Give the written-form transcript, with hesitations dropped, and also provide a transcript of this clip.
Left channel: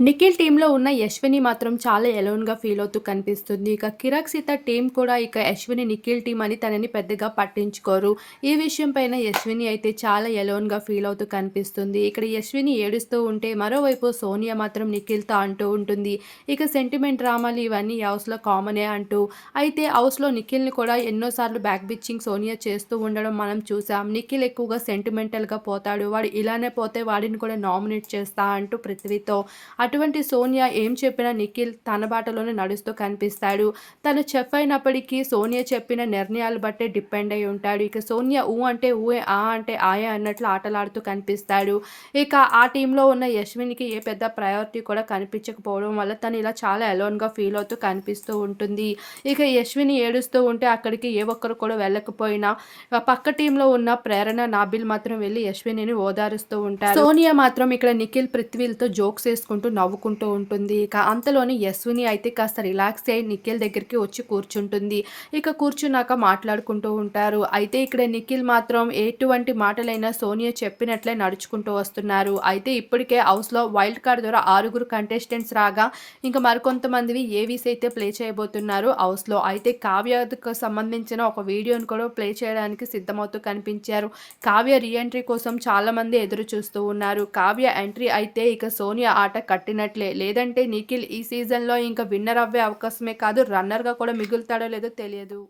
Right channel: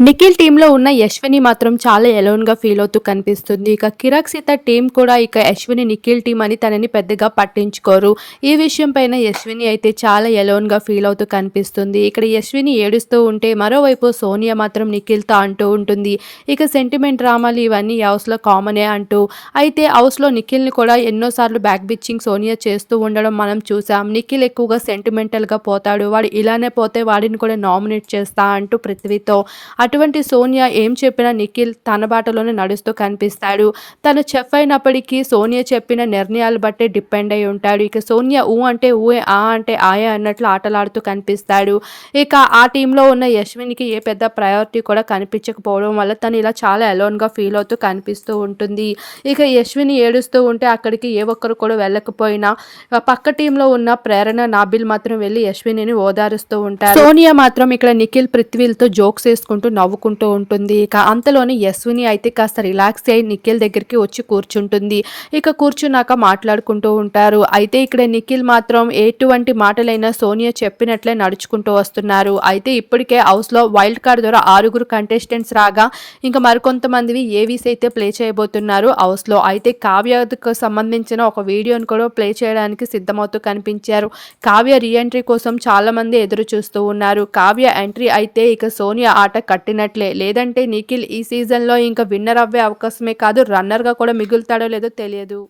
నిఖిల్ టీంలో ఉన్న యశ్విని మాత్రం చాలా ఎలోన్‌గా ఫీల్ అవుతూ కనిపిస్తుంది. ఇక కిరాక్ సీత టీం కూడా ఇక యశ్విని, నిఖిల్ టీం అని తనని పెద్దగా పట్టించుకోరు. ఈ విషయం పైన యశ్విని అయితే చాలా ఎలోన్‌గా ఫీల్ అవుతూ కనిపిస్తుంది. ఇక్కడ యశ్విని ఏడుస్తూ ఉంటే మరోవైపు సోనియా మాత్రం నిఖిల్‌తో అంటూ ఉంటుంది. ఇక సెంటిమెంట్ డ్రామాలు ఇవన్నీ హౌస్‌లో కామనే అంటూ. అయితే హౌస్‌లో నిఖిల్‌ని కూడా ఎన్నో సార్లు బ్యాక్ బిచ్చింగ్ సోనియా చేస్తూ ఉండడం మనం చూసాం. నిఖిల్ ఎక్కువగా సెంటిమెంటల్‌గా పోతాడు. వాడు ఇలానే పోతే వాడిని కూడా నామినేట్ చేస్తా అంటూ పృథ్వీతో అటువంటి సోనియా ఏం చెప్పినా నిఖిల్ తన బాటలోనే నడుస్తూ కనిపిస్తాడు. తను చెఫ్ అయినప్పటికీ సోనియా చెప్పిన నిర్ణయాలు బట్టే డిపెండ్ అయి ఉంటాడు. ఇక సోనియా ఊ అంటే ఊయే, ఆ అంటే ఆయే అన్నట్లు ఆటలాడుతూ కనిపిస్తాడు. ఇక ఆ టీంలో ఉన్న యశ్వినికి ఏ పెద్ద ప్రయారిటీ కూడా కనిపించకపోవడం వల్ల తను ఇలా చాలా అలోన్‌గా ఫీల్ అవుతూ కనిపిస్తూ ఉంటుంది. ఇక యశ్విని ఏడుస్తూ ఉంటే అక్కడికి ఏ ఒక్కరు కూడా వెళ్ళకపోయినా పక్క టీంలో ఉన్న ప్రేరణ, నాబిల్ మాత్రం వెళ్లి యశ్వినిని ఓదారుస్తూ ఉంటారు. సోనియా మాత్రం ఇక్కడ నిఖిల్, పృథ్వీలతో జోక్స్ వేసుకుంటూ నవ్వుకుంటూ ఉంటుంది. ఇక అంతలోని యశ్విని అయితే కాస్త రిలాక్స్ అయ్యి నిఖిల్ దగ్గరికి వచ్చి కూర్చుంటుంది. ఇక కూర్చున్నాక మాట్లాడుకుంటూ ఉంటారు. అయితే ఇక్కడ నిఖిల్ మాత్రం ఎటువంటి మాటలైనా సోనియా చెప్పినట్లే నడుచుకుంటూ వస్తున్నారు. అయితే ఇప్పటికే హౌస్‌లో వైల్డ్ కార్డ్ ద్వారా 6 కంటెస్టెంట్స్ రాగా ఇంకా మరికొంతమందివి ఏవీస్ అయితే ప్లే చేయబోతున్నారు హౌస్‌లో. అయితే కావ్యకు సంబంధించిన ఒక వీడియోని కూడా ప్లే చేయడానికి సిద్ధమవుతూ కనిపించారు. కావ్య రీ ఎంట్రీ కోసం చాలామంది ఎదురు చూస్తూ ఉన్నారు. కావ్య ఎంట్రీ అయితే ఇక సోనియా ఆట కట్టినట్లే. లేదంటే నిఖిల్ ఈ సీజన్‌లో ఇంకా విన్నర్ అవ్వే అవకాశమే కాదు, రన్నర్‌గా కూడా మిగులుతాడో లేదో తెలియదు.